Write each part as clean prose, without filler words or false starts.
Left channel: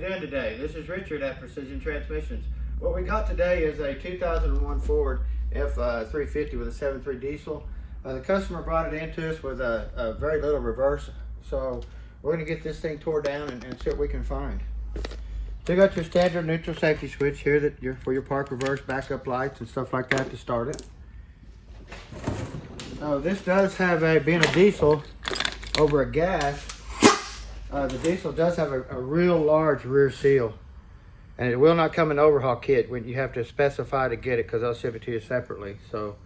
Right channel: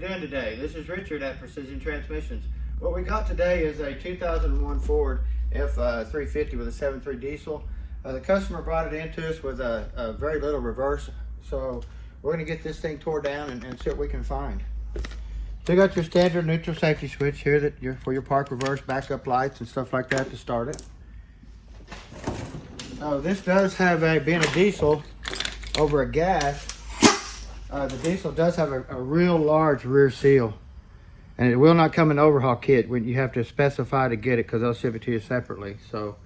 you doing today? This is Richard at Precision Transmissions. What we got today is a 2001 Ford F350 with a 7.3 diesel. The customer brought it into us with a very little reverse, so we're going to get this thing tore down and see what we can find. So you got your standard neutral safety switch here for your park, reverse, backup lights and stuff like that to start it. This does have being a diesel over a gas, the diesel does have a real large rear seal, and it will not come in an overhaul kit. When you have to specify to get it, because they'll ship it to you separately. So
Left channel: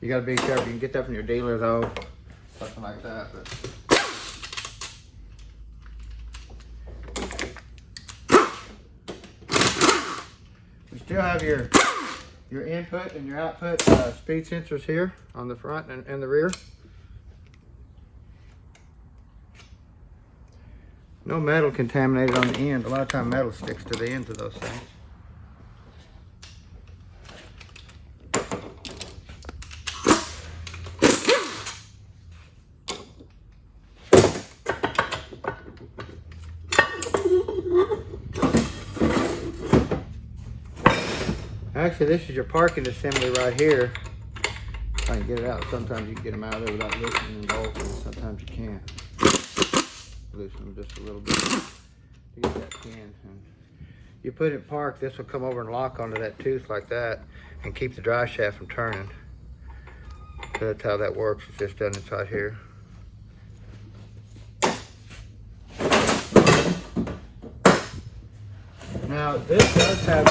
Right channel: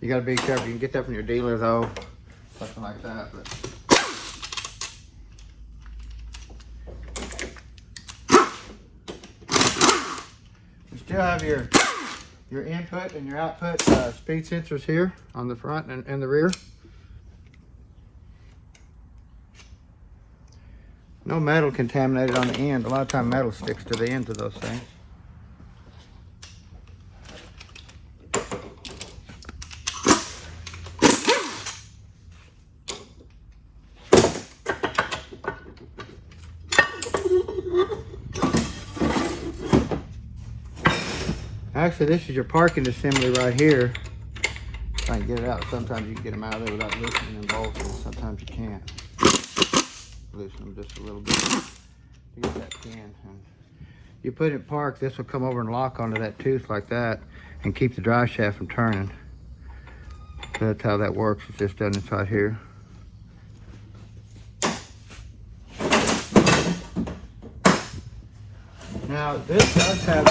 you got to be careful. You can get that from your dealer though, something like that. You still have your input and your output speed sensors here on the front and the rear. No metal contaminated on the end. A lot of time metal sticks to the ends of those things. Actually, this is your parking assembly right here. If I can get it out. Sometimes you can get them out of there without loosening them bolts, and sometimes you can't. Loosen them just a little bit to get that pin. And you put it parked, this will come over and lock onto that tooth like that and keep the drive shaft from turning. So that's how that works. It's just done inside here. Now this does have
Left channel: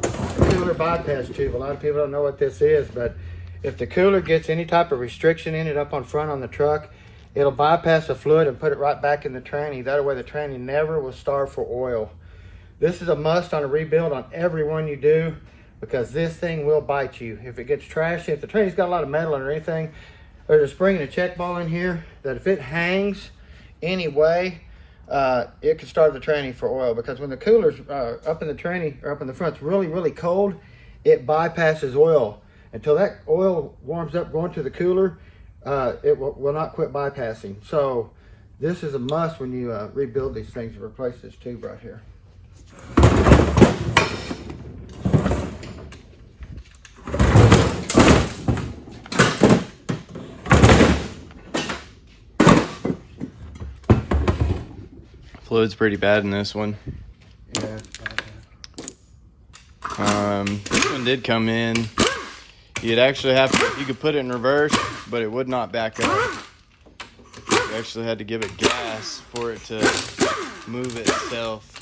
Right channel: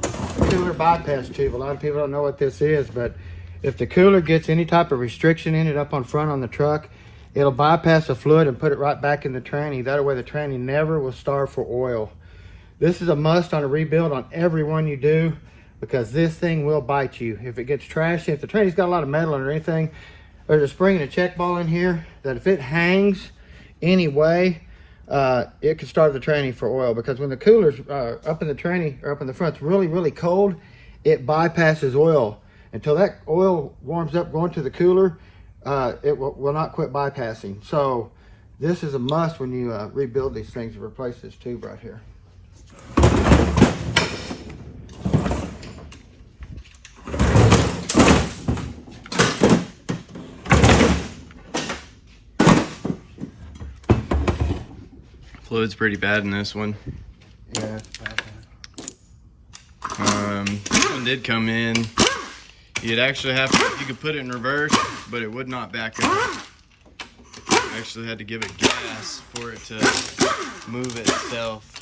a cooler bypass tube. A lot of people don't know what this is, but if the cooler gets any type of restriction in it up on front on the truck, it'll bypass the fluid and put it right back in the tranny. That way the tranny never will starve for oil. This is a must on a rebuild on every one you do, because this thing will bite you. If it gets trashy, if the tranny's got a lot of metal or anything, there's a spring and a check ball in here that if it hangs anyway, it can starve the tranny for oil, because when the cooler's up in the tranny or up in the front, it's really cold, it bypasses oil. Until that oil warms up going to the cooler, it will not quit bypassing. So this is a must when you rebuild these things, to replace this tube right here. Fluid's pretty bad in this one. Yeah, it's bad. This one did come in. You'd actually have to, you could put it in reverse, but it would not back up. You actually had to give it gas for it to move itself.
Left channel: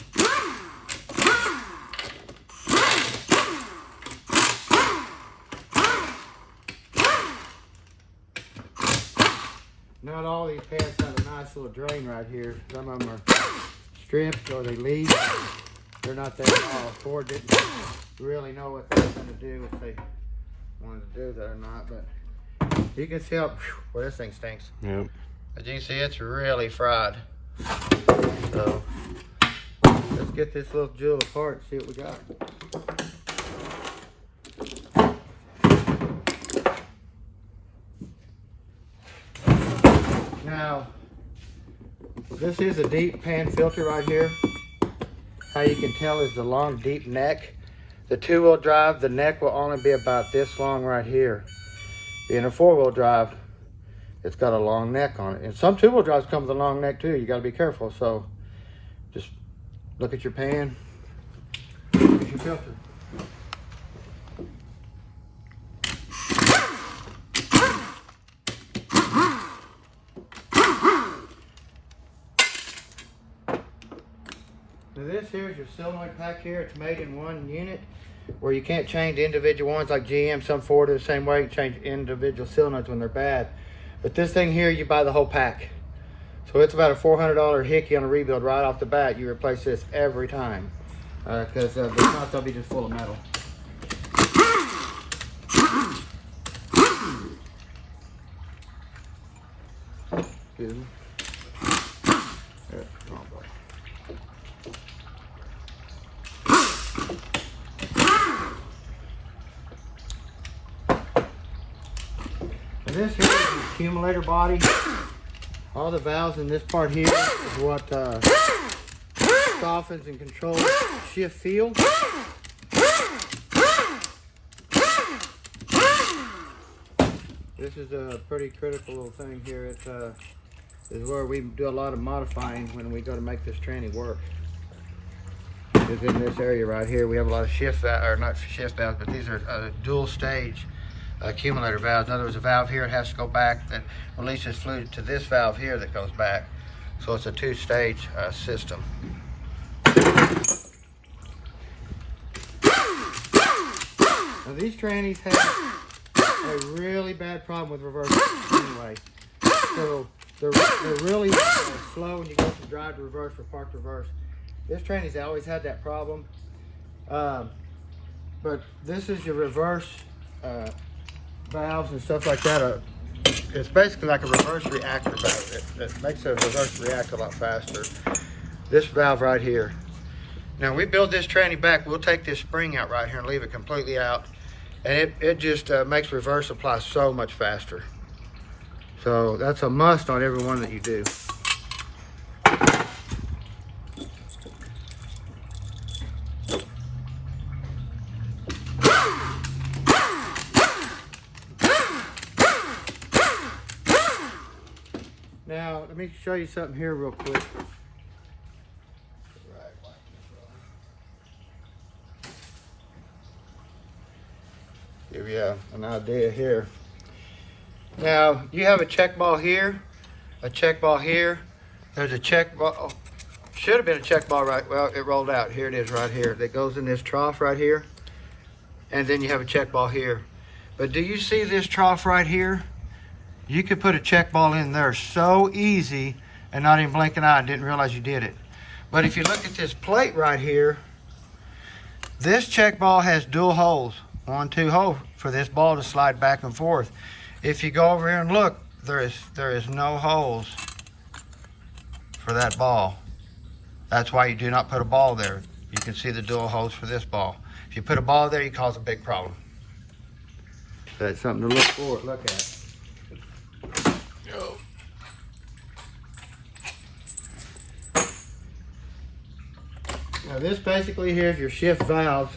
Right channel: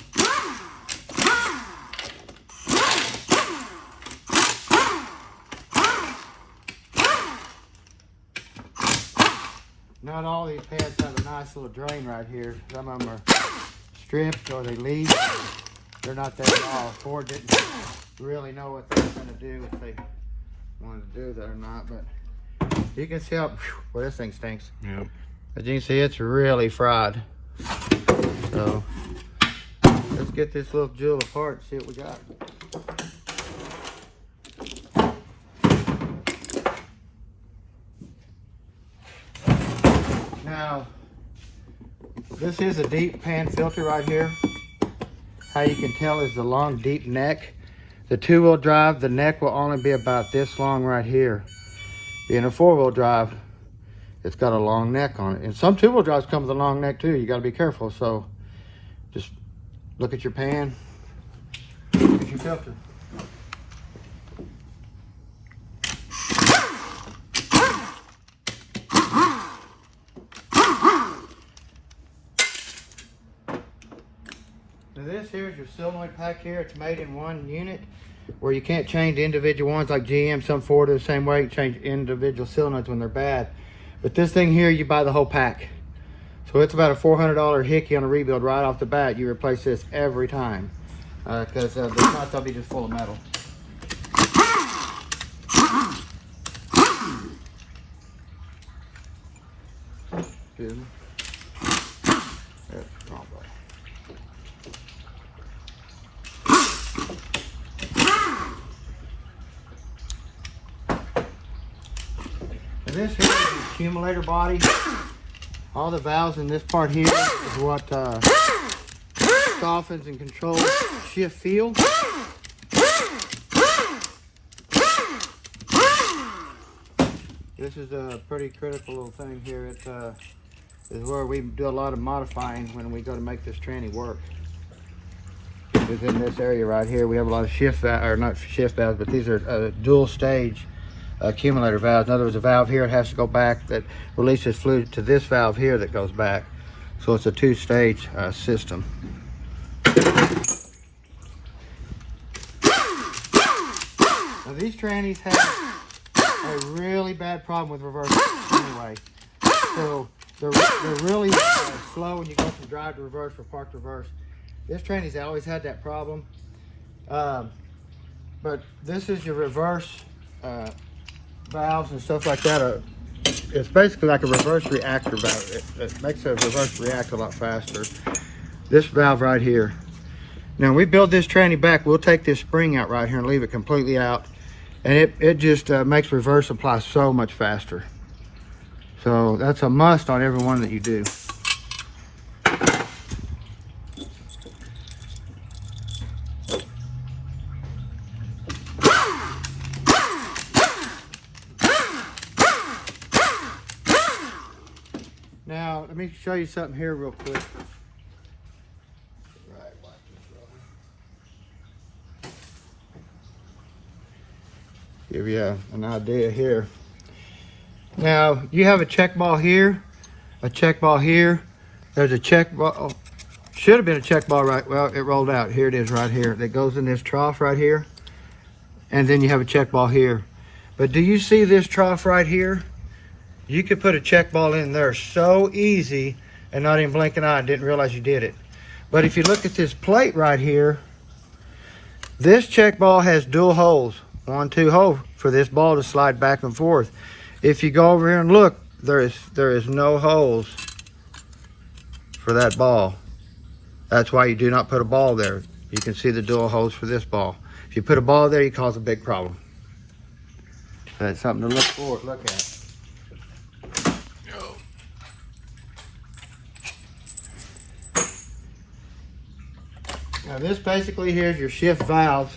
Not all these pads have a nice little drain right here. Some of them are stripped or they leak. They're not that small. Ford didn't really know what they were going to do, if they wanted to do that or not, but you can see how, well, this thing stinks. Yep. As you can see, it's really fried. So let's get this little jewel apart and see what we got. Now, this is a deep pan filter right here. How you can tell is the long, deep neck. The two-wheel drive, the neck will only be about this long right here. In a four-wheel drive, it's got a long neck on it. And some two-wheel drives come with a long neck too. You got to be careful. So just look at your pan, look at your filter. Now this here is your solenoid pack here. It's made in one unit, where you can't change individual ones like GM. Some Ford are the same way. You change individual solenoids when they're bad. But this thing here, you buy the whole pack. So it's about a $400 hickey on a rebuild right off the bat. You replace this every time, because if not, they'll be just full of metal. Excuse me. That's wrong button. This here is the accumulator body. All the valves in this part here is what softens and controls shift feel. This is a pretty critical little thing here. It is where we do a lot of modifying when we go to make this tranny work. Is in this area right here. We have a lot of shift valves, or not shift valves, but these are dual stage accumulator valves. In other words, a valve here has to go back that releases fluid to this valve here that goes back. So it's a two-stage system. Now these trannies have a really bad problem with reversal anyway. So they're really slow when you go from drive to reverse or park to reverse. This tranny's always had that problem. But this is your reverse valves and stuff like that. It's basically like a reverse reactor valve. It makes the reverse react a lot faster. This valve right here. Now we build this tranny back, we'll take this spring out right here and leave it completely out. And it just makes reverse apply so much faster. So that's a must on every one that you do. Now, let me show you something here real quick. Give you an idea here. Now, you have a check ball here, a check ball here. There's a check ball, oh, should have been a check ball right, well, it rolled out. Here it is right here. That goes in this trough right here. And then you have a check ball here. But do you see this trough right here? You could put a check ball in there so easy and not even blink an eye and didn't realize you did it. But if you look at this plate right here, this check ball has dual holes. 1, 2 holes for this ball to slide back and forth. If you go over here and look, there is no holes for that ball. That's why you do not put a ball there. You can see the dual holes for this ball. If you put a ball there, you cause a big problem. So that's something to look at. Now this basically here is your shift valves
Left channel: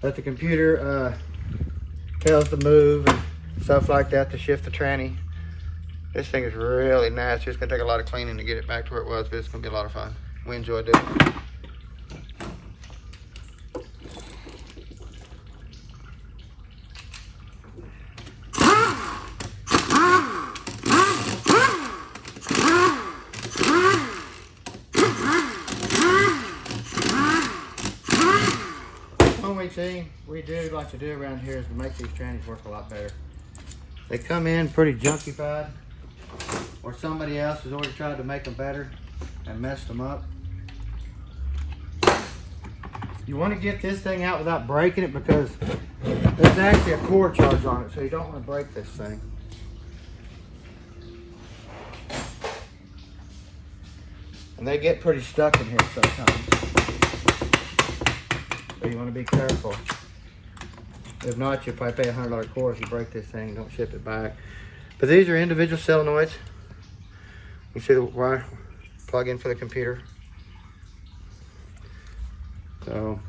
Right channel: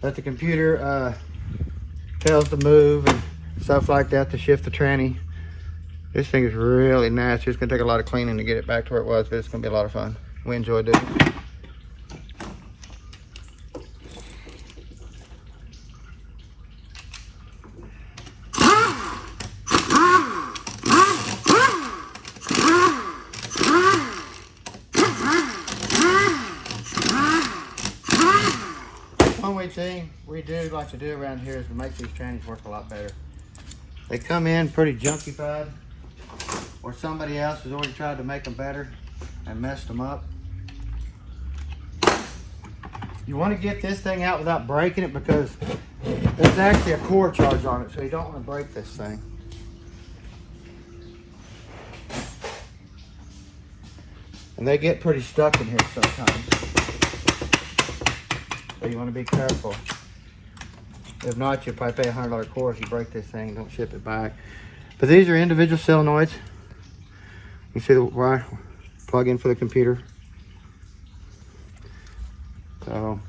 that the computer tells to move and stuff like that to shift the tranny. This thing is really nice. It's gonna take a lot of cleaning to get it back to where it was, but it's gonna be a lot of fun. We enjoy doing it. Thing we do like to do around here is to make these trannies work a lot better. They come in pretty junkified, or somebody else has already tried to make them better and messed them up. You want to get this thing out without breaking it because there's actually a core charge on it, so you don't want to break this thing. And they get pretty stuck in here sometimes. So you want to be careful. If not, you'll probably pay a $100 core if you break this thing and don't ship it back. But these are individual solenoids. You see where I plug in for the computer. So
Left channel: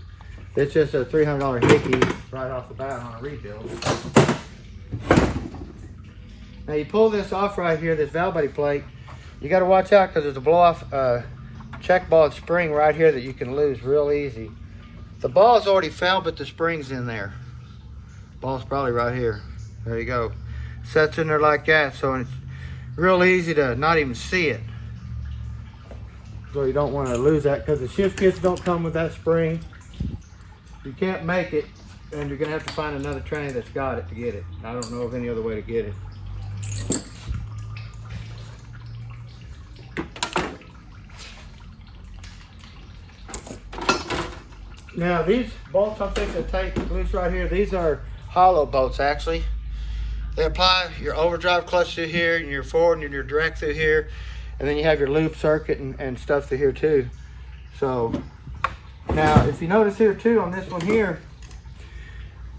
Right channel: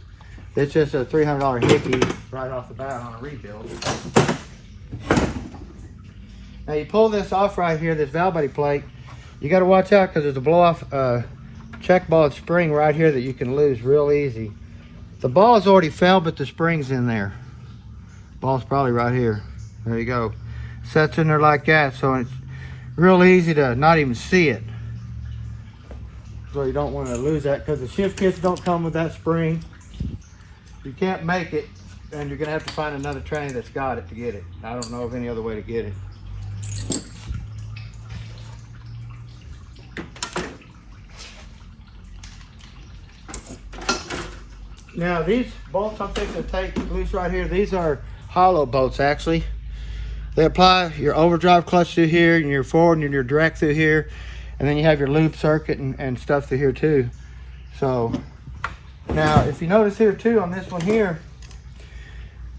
it's just a $300 hickey right off the bat on a rebuild. Now you pull this off right here, this valve buddy plate. You got to watch out because there's a blow off check ball and spring right here that you can lose real easy. The ball's already fell, but the spring's in there. Ball's probably right here. There you go. Sets in there like that, so it's real easy to not even see it. So you don't want to lose that because the shift kits don't come with that spring. You can't make it, and you're gonna have to find another tranny that's got it to get it. I don't know of any other way to get it. Now these bolts I'm fixing to take loose right here, these are hollow bolts actually. They apply your overdrive clutch through here and your forward and your direct through here. And then you have your loop circuit and stuff through here too. So now if you notice here too on this one here,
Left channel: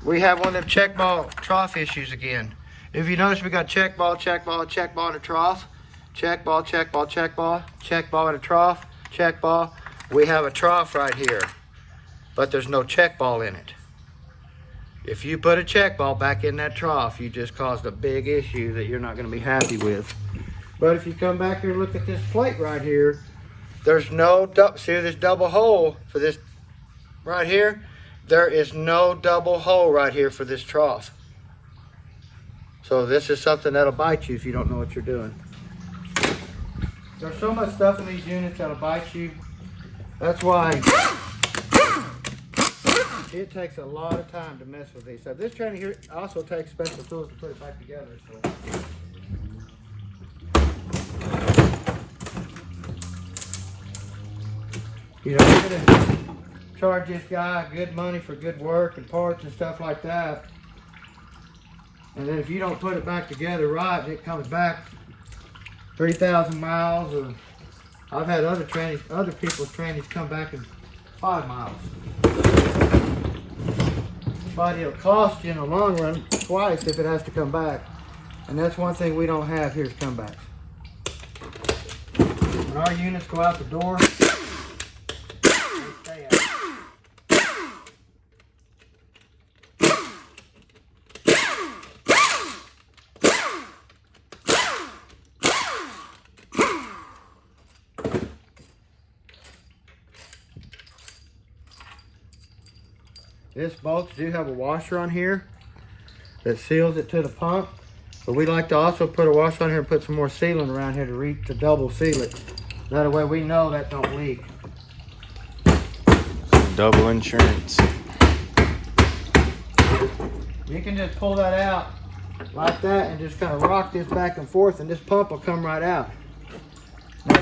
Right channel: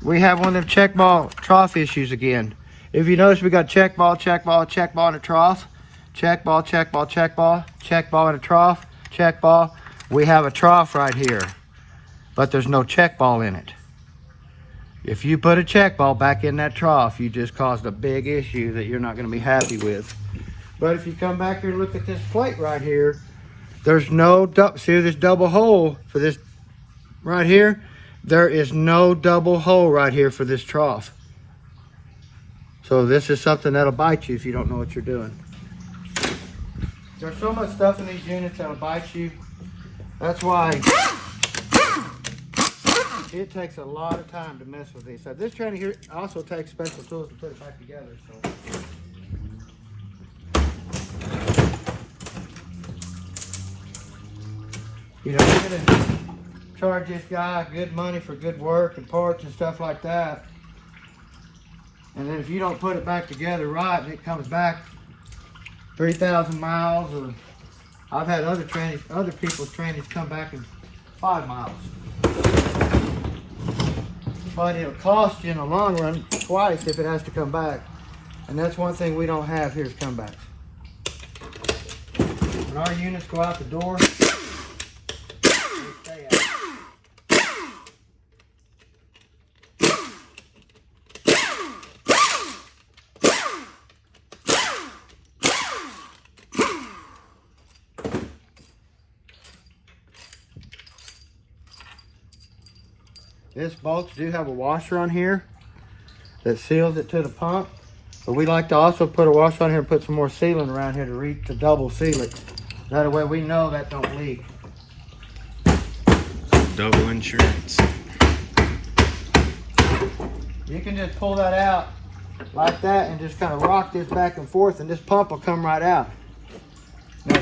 we have one of them check ball trough issues again. If you notice we got check ball, check ball, check ball, and a trough. Check ball, check ball, check ball, check ball, and a trough, check ball. we have a trough right here, but there's no check ball in it. If you put a check ball back in that trough, you just caused a big issue that you're not going to be happy with. But if you come back here and look at this plate right here, there's no, see this double hole for this right here? There is no double hole right here for this trough. So this is something that'll bite you if you don't know what you're doing. There's so much stuff in these units that'll bite you. That's why it takes a lot of time to mess with these. So this tranny here also takes special tools to put it back together. So. You know, you're gonna charge this guy good money for good work and parts and stuff like that. And then if you don't put it back together right, and it comes back 3,000 miles, or I've had other people's trannies come back in 5 miles. But it'll cost you in the long run twice if it has to come back. And that's one thing we don't have here is comebacks. When our units go out the door, they stay out. This bolts do have a washer on here that seals it to the pump, but we like to also put a washer on here and put some more sealant around here to double seal it. That way we know that don't leak. Double insurance. You can just pull that out like that and just kind of rock this back and forth, and this pump will come right out. Now,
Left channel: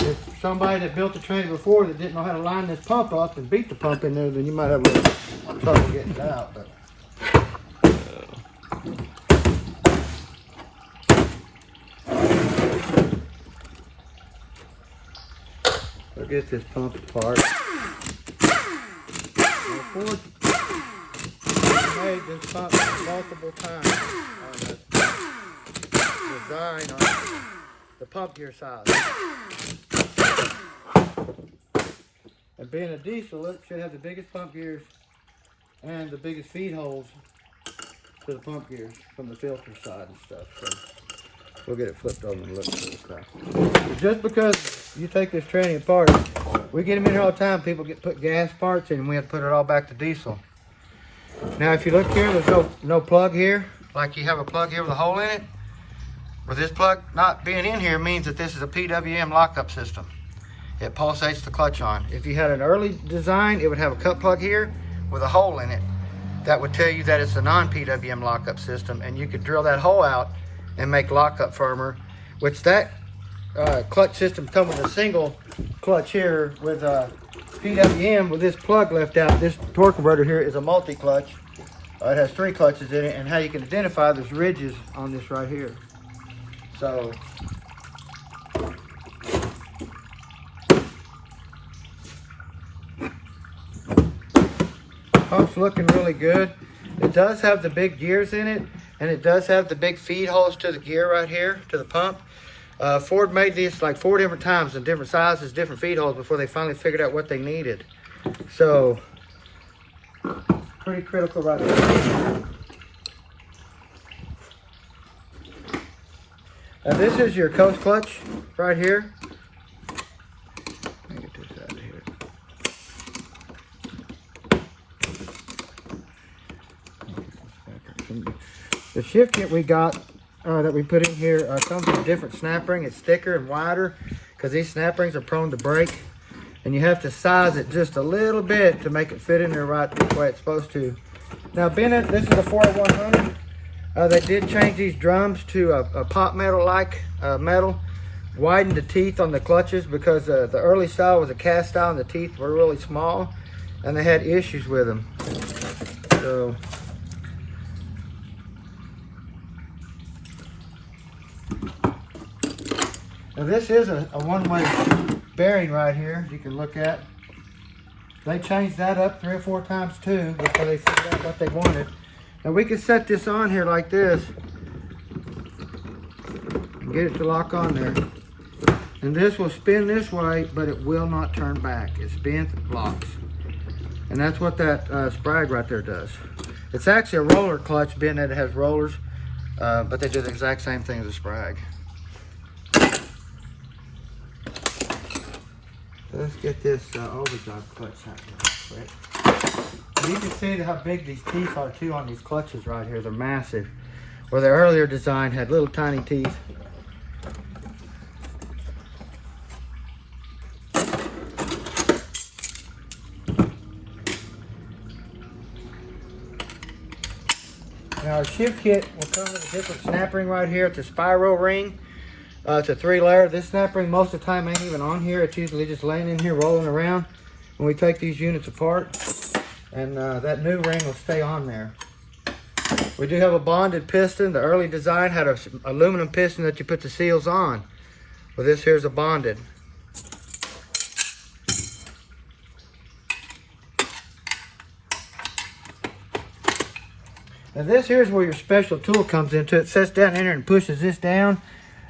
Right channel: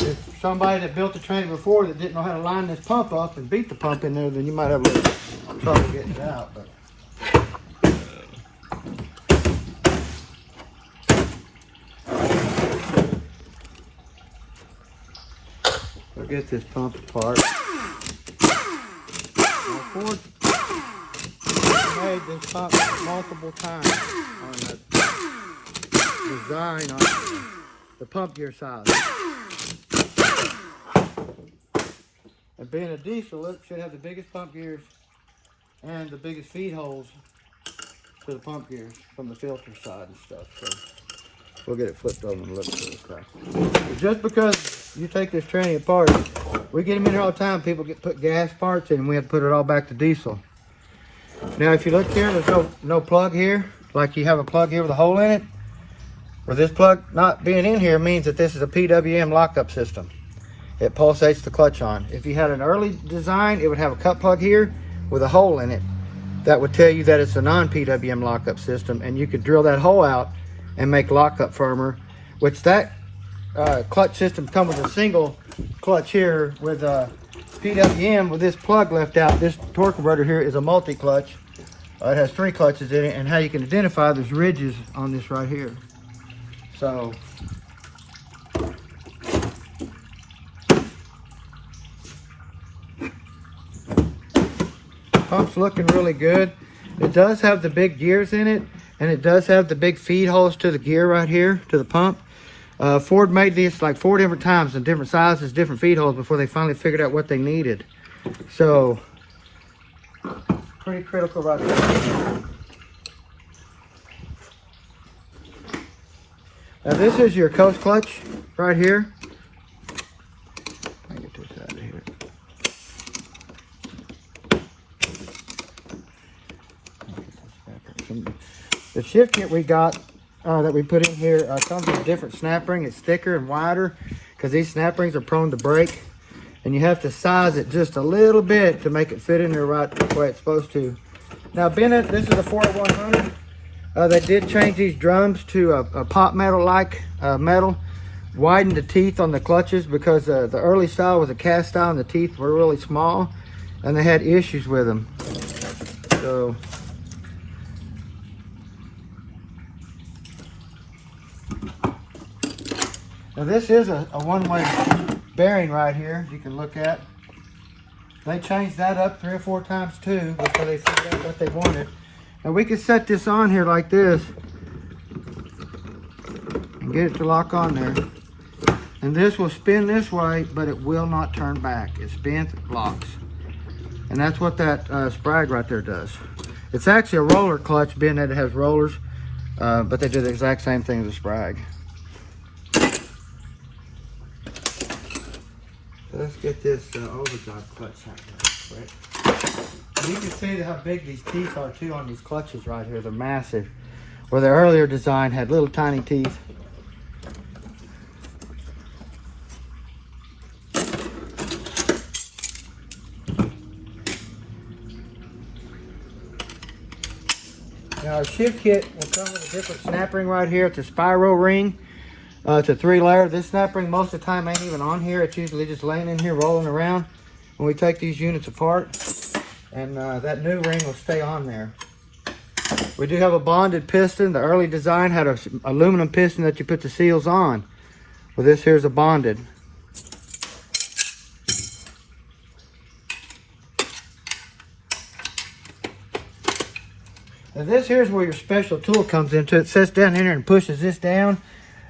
if somebody that built the tranny before that didn't know how to line this pump up and beat the pump in there, then you might have a little trouble getting it out. But we'll get this pump apart. Ford made this pump multiple times on the design on the pump gear size. And being a diesel, it should have the biggest pump gears and the biggest feed holes to the pump gears from the filter side and stuff. So we'll get it flipped over and look at this stuff. But just because you take this tranny apart, we get them in here all the time. People put gas parts in, and we have to put it all back to diesel. Now, if you look here, there's no plug here. Like you have a plug here with a hole in it. Well, this plug not being in here means that this is a PWM lockup system. It pulsates the clutch on. If you had an early design, it would have a cut plug here with a hole in it. That would tell you that it's a non-PWM lockup system, and you could drill that hole out and make lockup firmer, which that clutch system comes with a single clutch here with a PWM with this plug left out. This torque converter here is a multi-clutch. It has 3 clutches in it, and how you can identify there's ridges on this right here. So pump's looking really good. It does have the big gears in it, and it does have the big feed holes to the gear right here, to the pump. Ford made these like 4 different times in different sizes, different feed holes before they finally figured out what they needed. So, pretty critical right there. Now this is your coast clutch right here. Let me get this out of here. The shift kit we got that we put in here comes with a different snap ring. It's thicker and wider because these snap rings are prone to break, and you have to size it just a little bit to make it fit in there right the way it's supposed to. Now, Bennett, this is a 40100. They did change these drums to a pot metal-like metal, widened the teeth on the clutches because the early style was a cast style and the teeth were really small, and they had issues with them. So now this is a one-way bearing right here you can look at. They changed that up 3 or 4 times too before they figured out what they wanted. Now we can set this on here like this and get it to lock on there. And this will spin this way, but it will not turn back. It spins, it locks. And that's what that Sprag right there does. It's actually a roller clutch, being that it has rollers, but they do the exact same thing as a Sprag. Let's get this overdrive clutch out real quick. You can see how big these teeth are too on these clutches right here. They're massive. Where the earlier design had little tiny teeth. Now our shift kit will come with a different snap ring right here. It's a spiral ring. It's a 3-layer. This snap ring most of the time ain't even on here. It's usually just laying in here rolling around when we take these units apart. And that new ring will stay on there. We do have a bonded piston. The early design had an aluminum piston that you put the seals on. Well, this here's a bonded. Now this here's where your special tool comes into. It sits down in here and pushes this down,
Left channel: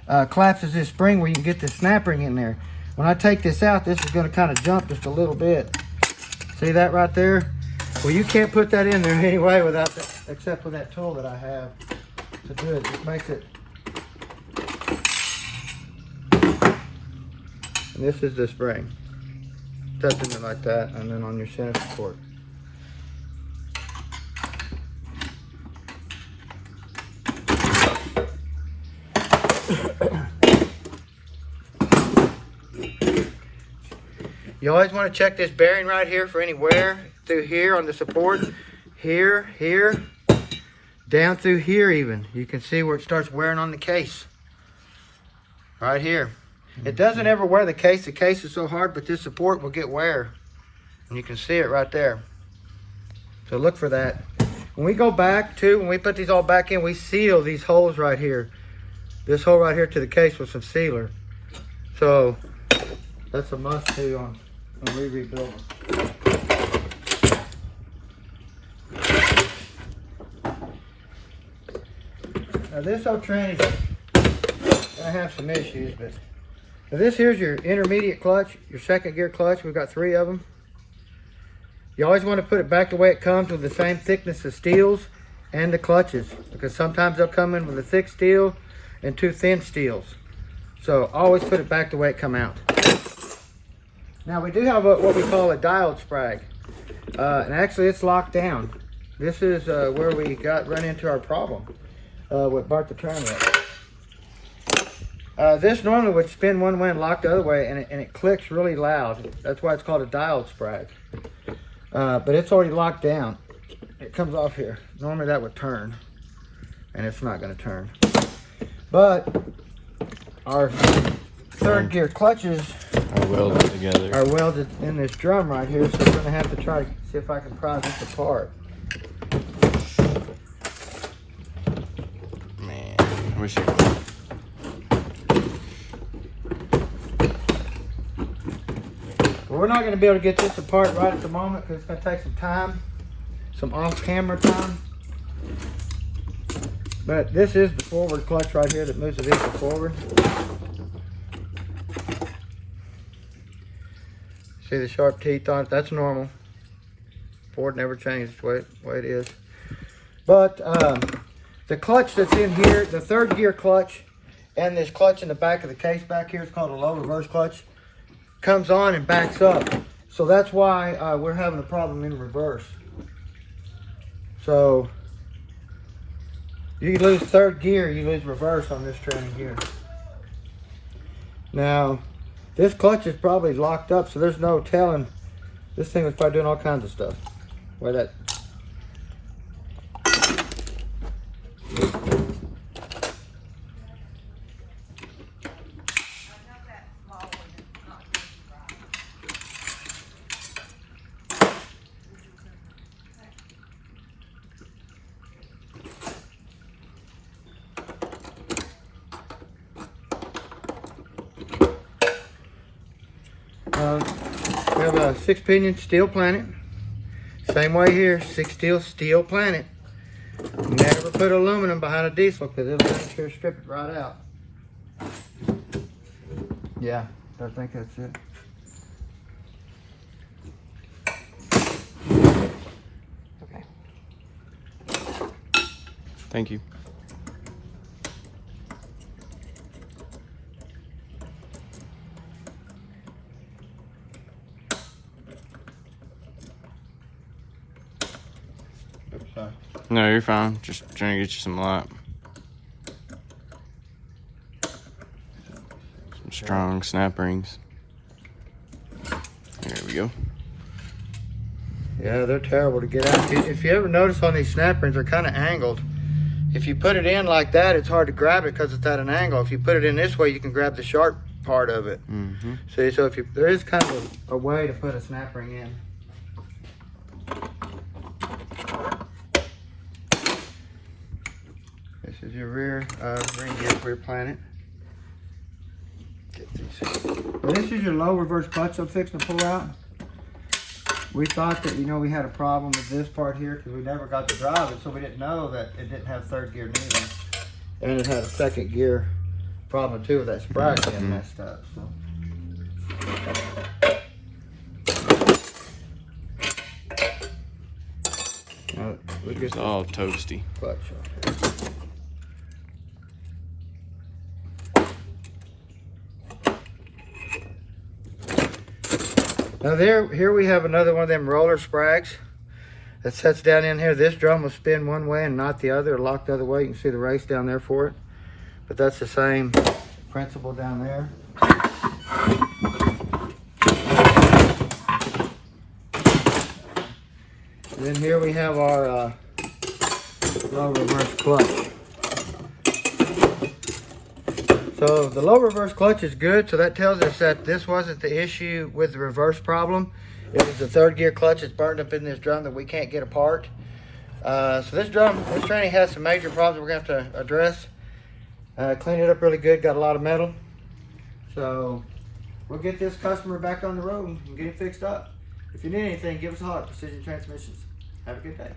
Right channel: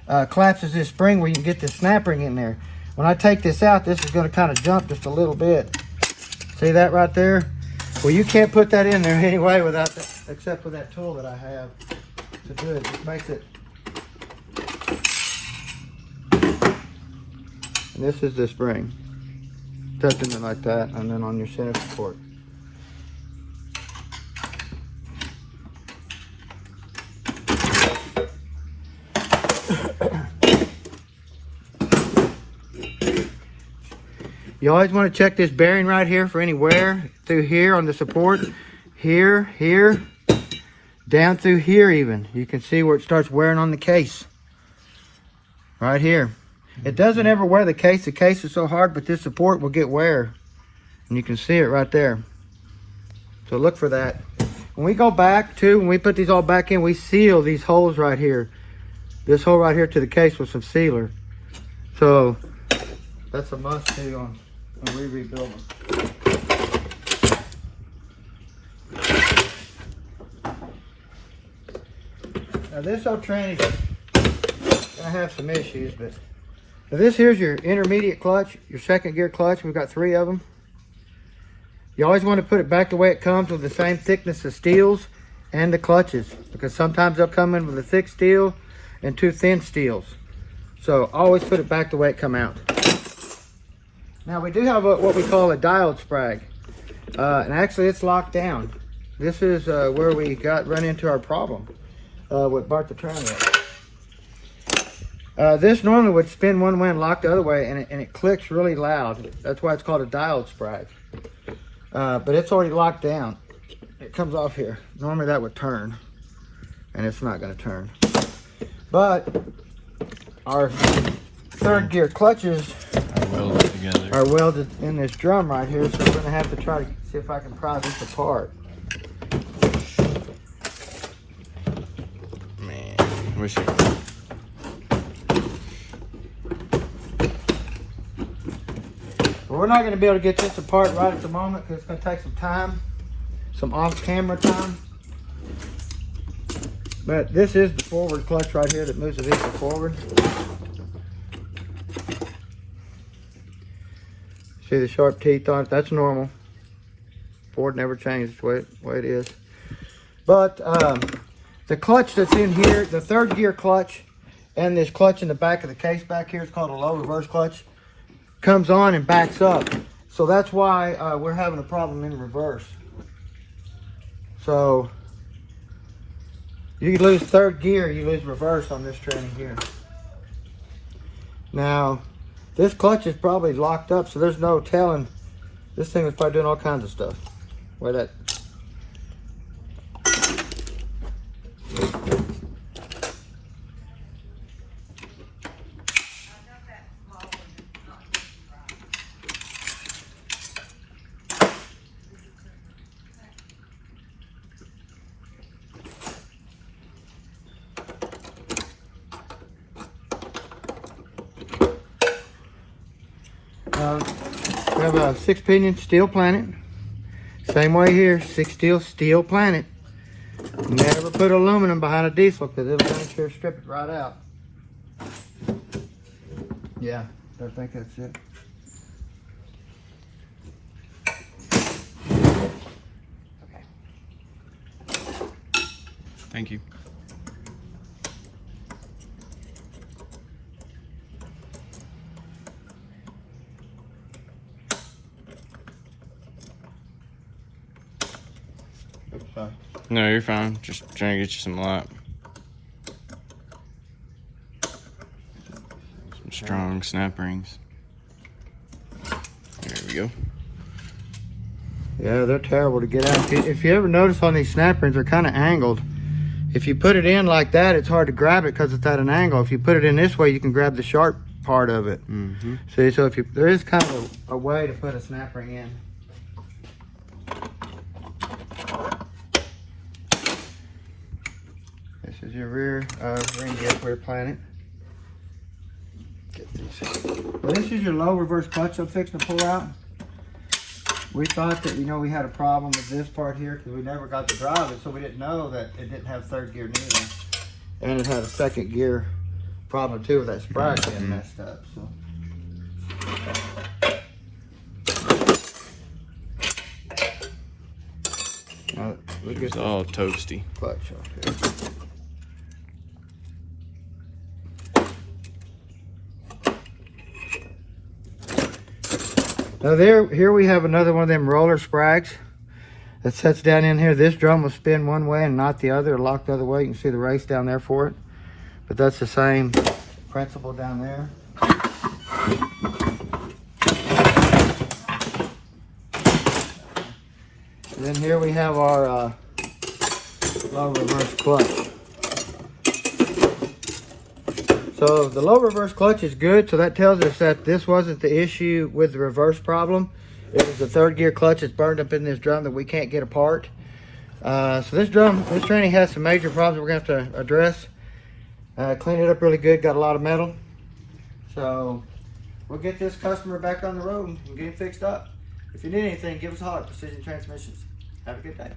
collapses this spring where you can get the snap ring in there. When I take this out, this is going to kind of jump just a little bit. See that right there? Well, you can't put that in there anyway without that, except with that tool that I have to do it. Just makes it. And this is the spring. Touching it like that, and then on your center support. You always want to check this bearing right here for any wear through here on the support. Here, here, down through here even. You can see where it starts wearing on the case. Right here. It doesn't ever wear the case. The case is so hard, but this support will get wear. And you can see it right there. So look for that. When we go back too, when we put these all back in, we seal these holes right here. This hole right here to the case with some sealer. So that's a must too on when we rebuild them. Now this old train is gonna have some issues, but now this here's your intermediate clutch, your second gear clutch. We've got 3 of them. You always want to put it back the way it comes, with the same thickness of steels and the clutches, because sometimes they'll come in with a thick steel and 2 thin steels. So always put it back the way it come out. Now we do have what we call a dialed Sprag, and actually it's locked down. This is where we run into our problem with Bart the Train Wreck. This normally would spin one way and lock the other way, and it clicks really loud. That's why it's called a dialed Sprag. But it's already locked down. It comes off here. Normally that would turn, and it's not going to turn. But our third gear clutches are welded in this drum right here, so we're going to have to try to see if I can pry this apart. Man, I wish I could. Well, we're not going to be able to get this apart right at the moment because it's going to take some time, some off-camera time. But this is the forward clutch right here that moves the vehicle forward. See the sharp teeth on it? That's normal. Ford never changes the way it is. But the clutch that's in here, the third gear clutch, and this clutch in the back of the case back here is called a low reverse clutch, comes on and backs up. So that's why we're having a problem in reverse. So you lose third gear, you lose reverse on this tranny here. Now, this clutch is probably locked up, so there's no telling. This thing was probably doing all kinds of stuff. Where that. We have a 6-pinion steel planet. Same way here, 6 steel planet. Never put aluminum behind a diesel because it'll make sure strip it right out. Yeah, I think that's it. Thank you. Oops, sorry. No, you're fine. Just trying to get you some light. Some strong snap rings. There we go. Yeah, they're terrible to get out. If you ever notice on these snap rings, they're kind of angled. If you put it in like that, it's hard to grab it because it's at an angle. If you put it in this way, you can grab the sharp part of it. Mm-hmm. See, so if you, there is kind of a way to put a snap ring in. This is your rear ring gear, rear planet. Get this. Well, this is your low reverse clutch I'm fixing to pull out. We thought that, we had a problem with this part here because we never got to drive it, so we didn't know that it didn't have third gear neither. And it had a second gear problem too with that Sprag being messed up. So. Now, look at It's all toasty. clutch off here. Now here we have another one of them roller Sprags that sets down in here. This drum will spin one way and not the other, or lock the other way. You can see the race down there for it. But that's the same principle down there. And then here we have our low reverse clutch. So the low reverse clutch is good, so that tells us that this wasn't the issue with the reverse problem. It was the third gear clutch that's burned up in this drum that we can't get apart. So this tranny has some major problems we're going to have to address. Clean it up really good, got a lot of metal. So we'll get this customer back on the road and get it fixed up. If you need anything, give us a holler at Precision Transmissions. Have a good day.